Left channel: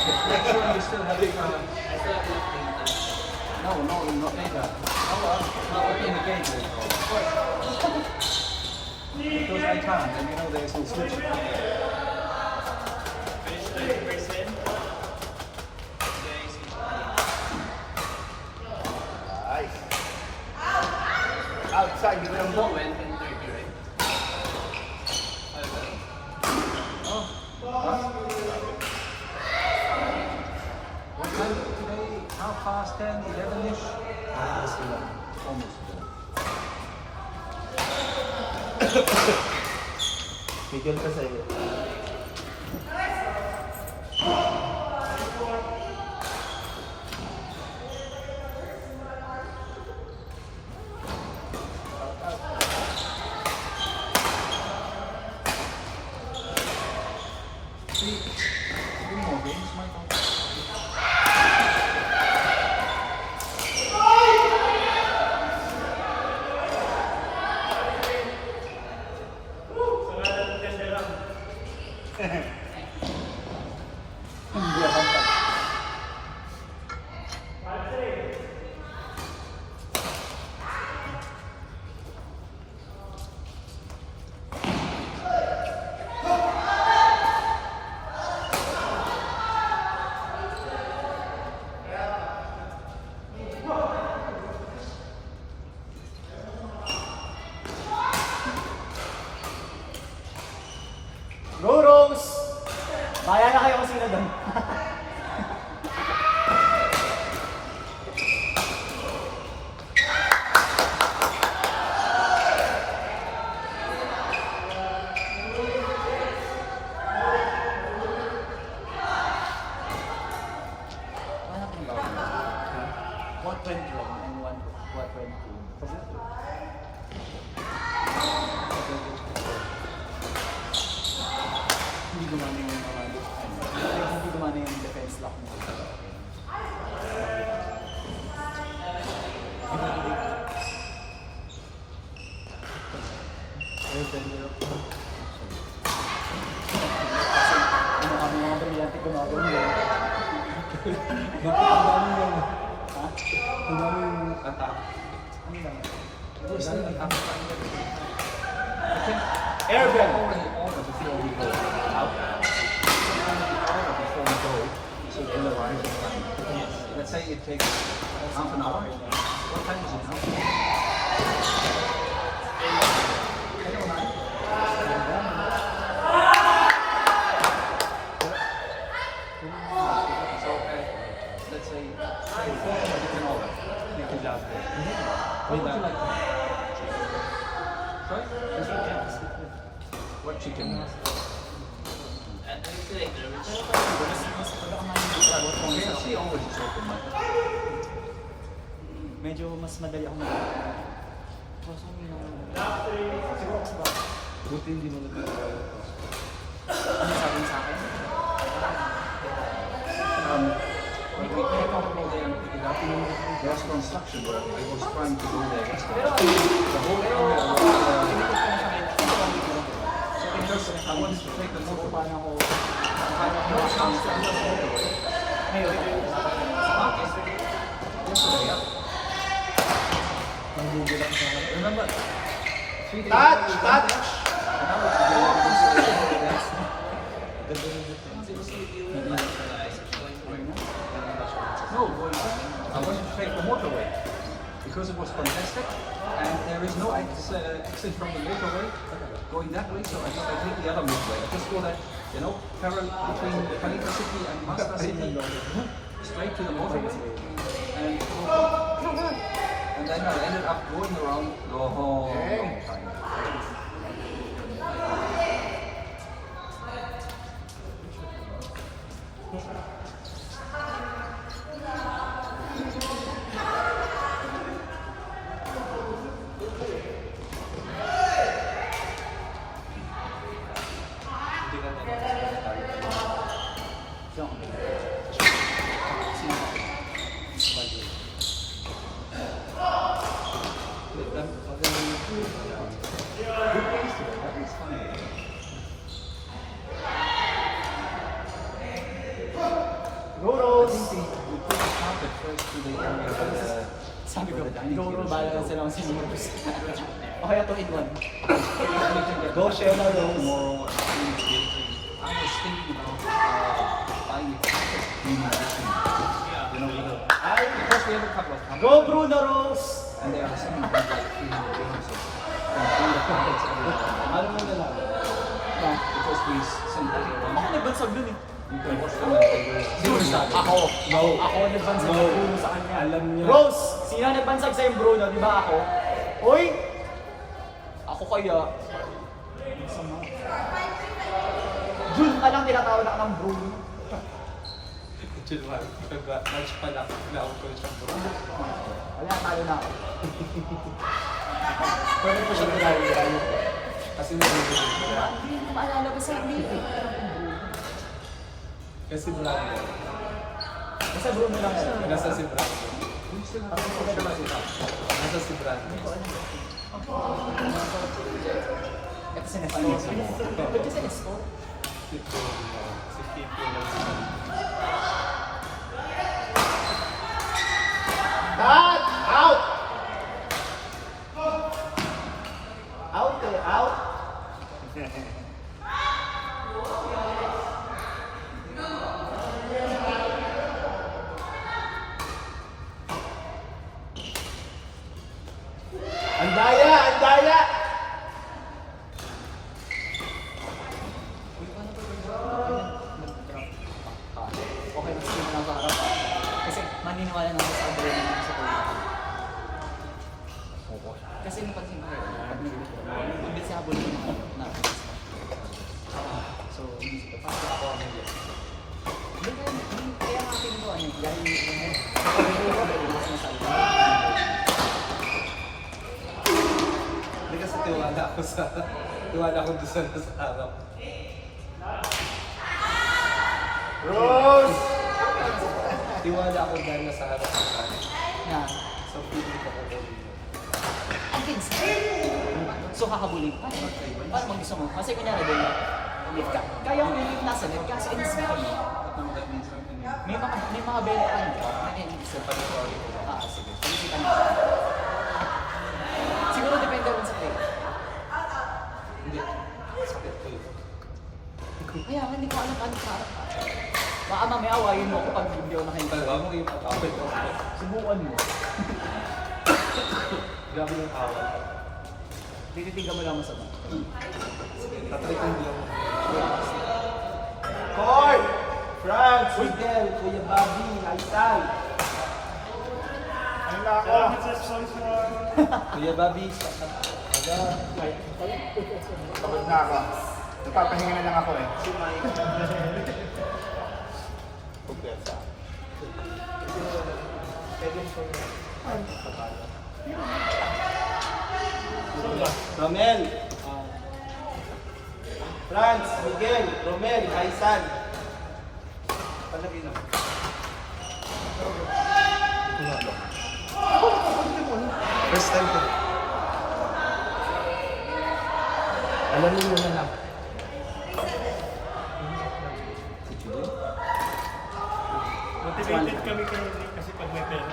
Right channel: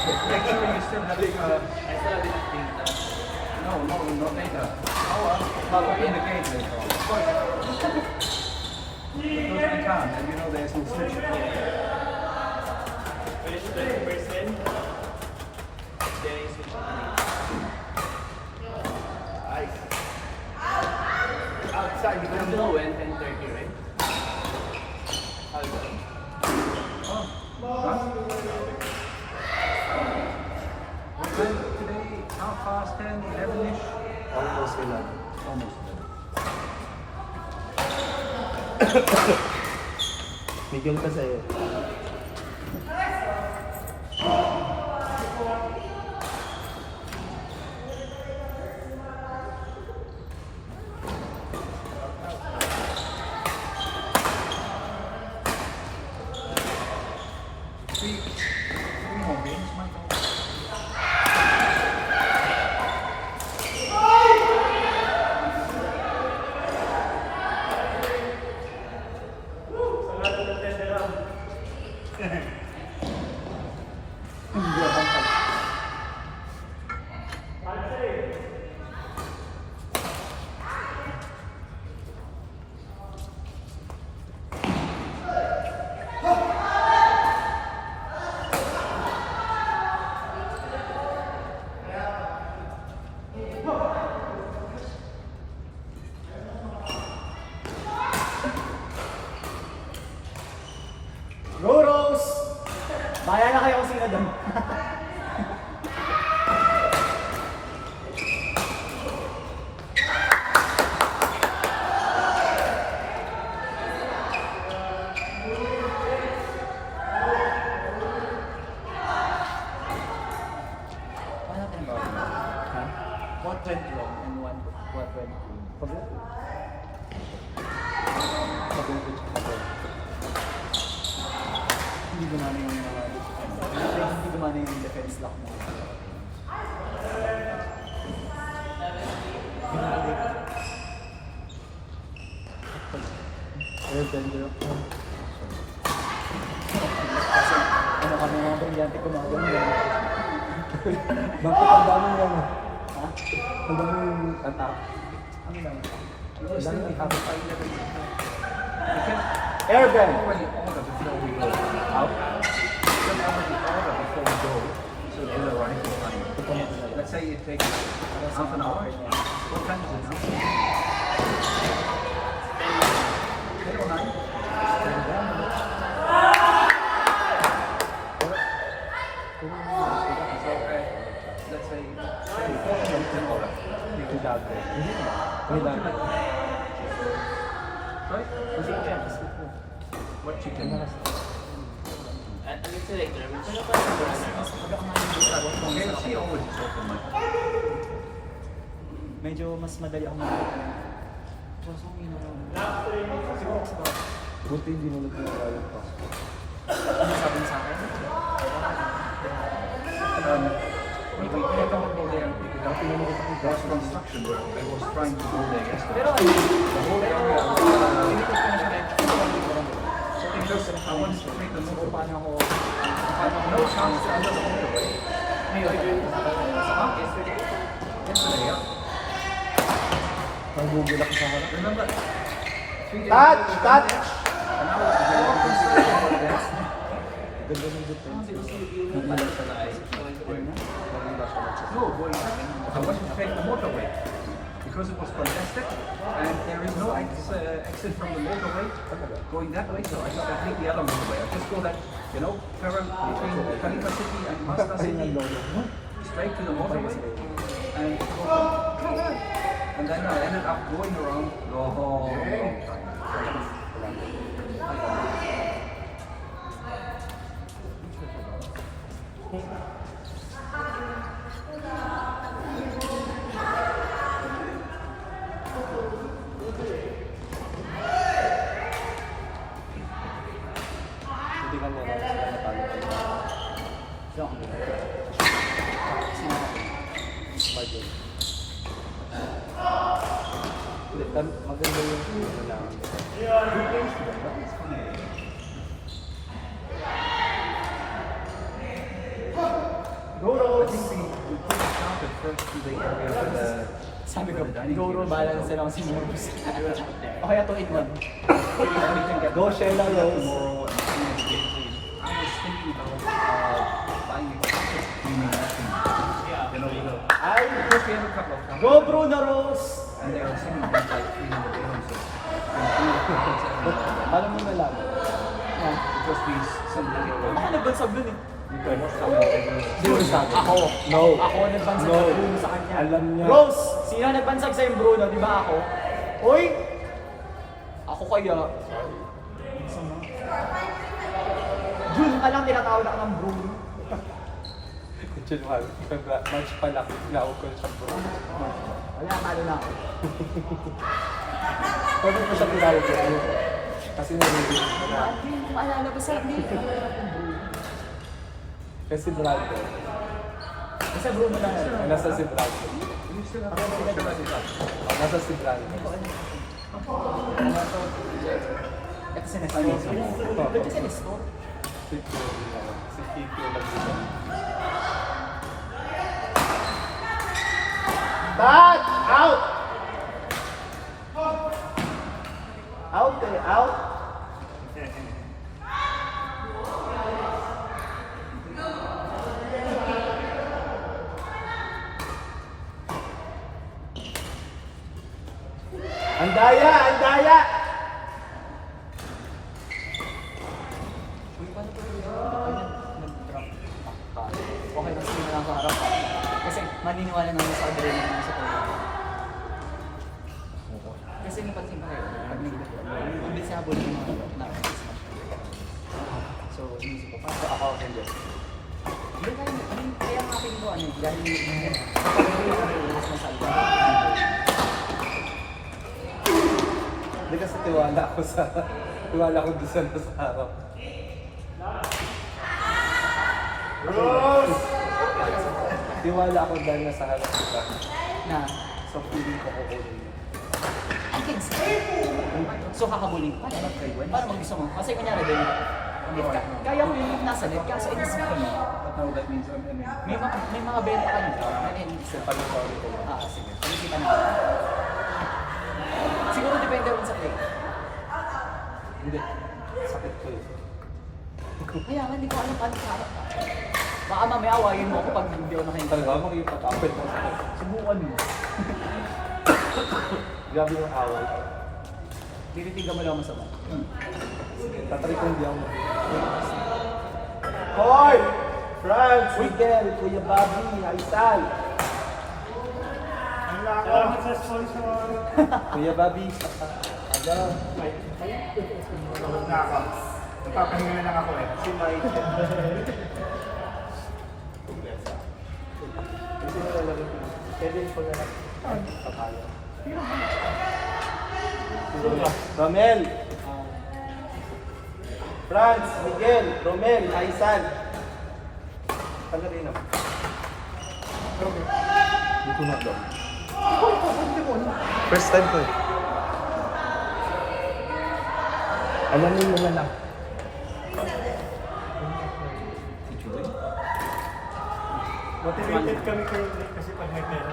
Make sure you still have no, not data. Oh, in the gauge. Because they can't, and you know there's no switch. Finish the first in. Outside, you don't know when 10:30, right? Today, 10:30, 11-ish. Almost. Bigyan ko sa'yo. Three more games, Michael. Hindi ako pag. Go Rose! Bahala na kayo kung sino doon. What happened about it? What went wrong and what went good? Hindi gumana yung mga hindi gumana yung defense lock mo. Airbender ako. Kasi ano kami mga brilyante gumagano yan. Bakit ang daming yan? Ha? Ang daming attack. Ano lang? Ang daming attack. Airbend! Out. Let's say it takes half an hour. What time is it? Let's say what chicken? Medyo mas madali ako Kaso ang siguro kasi ba? Buti hindi mo nagkakaroon pa. Ano sabi niya sa akin? Dati naman ito kung gas construction where I was trying to do that. Pero ako, pinikot ko na sa akin. So, pinikot ko na sa akin. So, kung paano ako makakang ngayon, dapat na nila sa akin. Nagugul ako sa harap. Remember? Touch! Touch! Ganda ng defense. Nagulat ka na. No, it was straight the motorway. Because it was contested and there is no exit from the motorway going that way, so I just take the other motorway. Just go that, parallel between Calica City and Masta City, straight to the motorway. And then I ended up going around the whole time. Maganda yung wala. Rose. Sabi ko, go roll, bahala lang sila kung sino mag-boost. O kaya 2 in 1. Go Sheila Rose. Tomorrow, I was thinking about buying a couple of you know, Ay, because we have a couple of companies, go Bruno Rose. and there are some of them like 300 bonuses. Ano mo na lang? Yan. Because we send it Ako nagbansag dun eh. you can watch them and Yun, ako. No. Ako nagbansag No. sa Bruno sa kanya. Alam niya. Rose, sino ang nagbansag sa'yo Bruno, di ba ako? Hoy! Ako kaya. Sama. Jun ka lang tinatawag na ka ng Bruno. Chilwal. Match pa lang. Naukol siya bro. Wala, talo na ako. Pwede po siya tinawag sa iyo. Kasi narinig mo. Hindi ko maalala ba sa hindi? Kasi Brando. Basta Bruno lang yan. Nasa si Brando. Ako yung sila naman sila. Nasa si Brando. Ano to? Ito si Nestor. Ba't yung si Nestor? Si Kiko nagsisa. Dad! Out! Out kayo, out! Ang daya! Ang daya! Uy, paano ba ito? Nag-drop ka. Okay lang sila lang sa harap ha. Kasi maniniwala naman sa adrenaline ng sa toilet. Kasi napansin ko kayo, pag nag-drop, ang bilis habol ng mga na-smash. So, inisip ko, paano ako hindi? Hindi kaya nga akin ko ano eh, dahil kapag hindi kami ulas na salita. Hindi kasi tiwala ko doon sa nasa harap. Rose! Tiwala ako dahil nasa harap ka. Na, So feeling ko ko ang kids. So kakabulin ka na. Para mag-gusto mo. Kasi kunyari din, kaya ko yung nasa net, kaso inisip ko mo. But now that means I'm in May mga benta ka nito. Naninis ka. Sige. Pag-isipan na. Siguro depende rin sa play. Hindi. Sakit ko eh. Kaya nga, hindi ko alam paano harap ka. Baka mamaya awayin mo ako pag hindi ako nakahintay. Talaga mo yung patawad. Subukan mo. Gabi yung awal. Tinitigan mo lang masama. Tatry ko hindi ako. Hoy! Franz! Miguel! Kuya Bobby! Aisal! Kuya Bobby! Nagpapahinga na lang ako eh. Si Mike. Romel! Franz! Miguel! Romel! Aisal! Tagalino. First time ko. Alam mo na lang. Motivated kami kayo kasi pag may pera.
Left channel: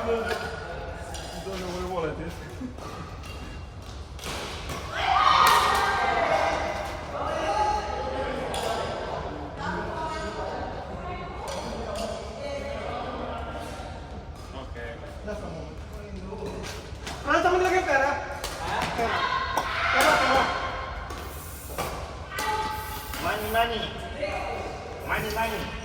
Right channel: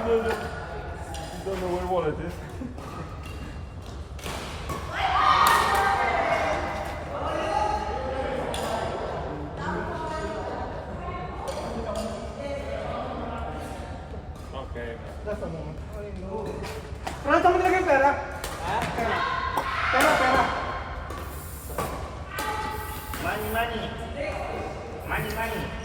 I don't know where wallet is. Okay. Pero saan mo nilagay yung pera? Pera. Money. Calling.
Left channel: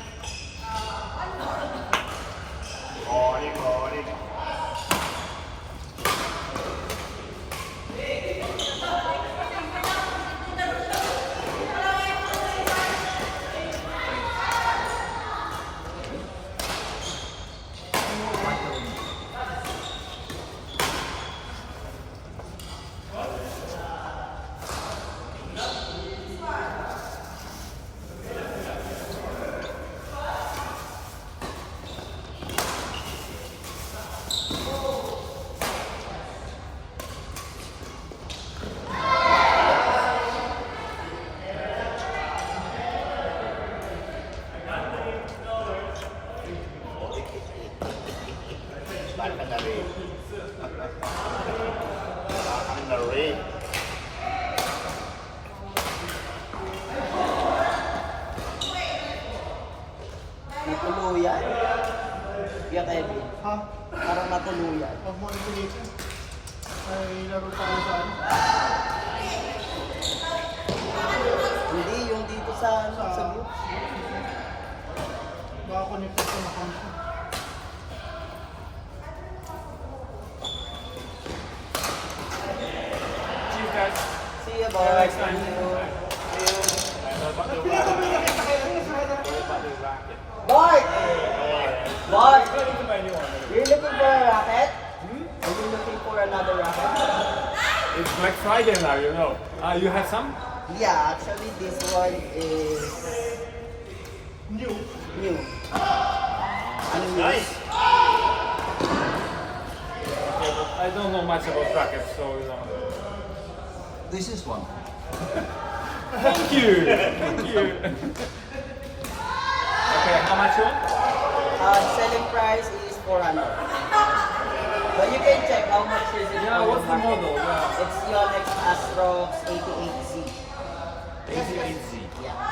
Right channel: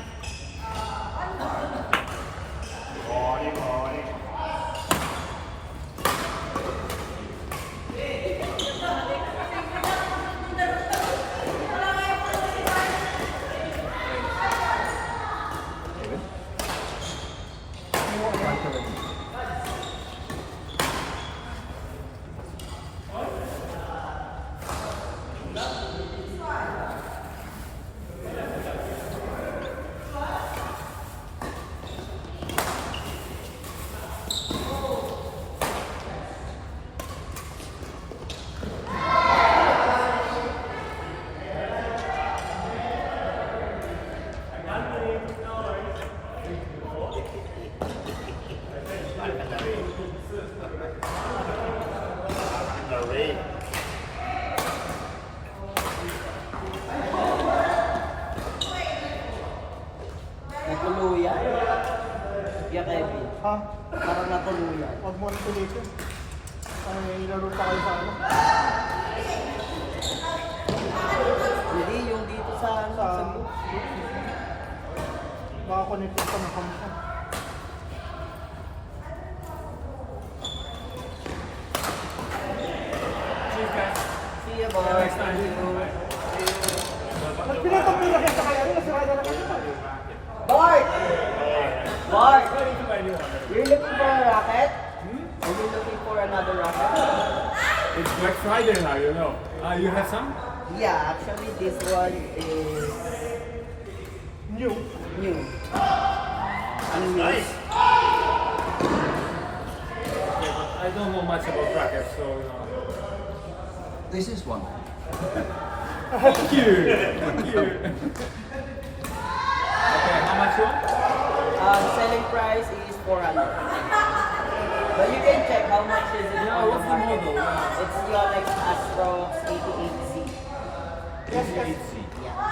Tuluyan. Huwag mo ulitin. Ano, nilaro pa kayo sa ano? Hindi, yung dito sa ano, sa group. Baka connect pa sa phone ko. Cheers, guys. See you, boys. Next time. Pinakita kayo, ano nasarado na kayo? Bart! Bart! You're looking for a racket? Are you looking for another racket? It's Black Friday now, you know. You have some? Yeah, actually this one is New. new. Nice. I don't know much about rackets, so you know. This is one. Thank you. Thank you.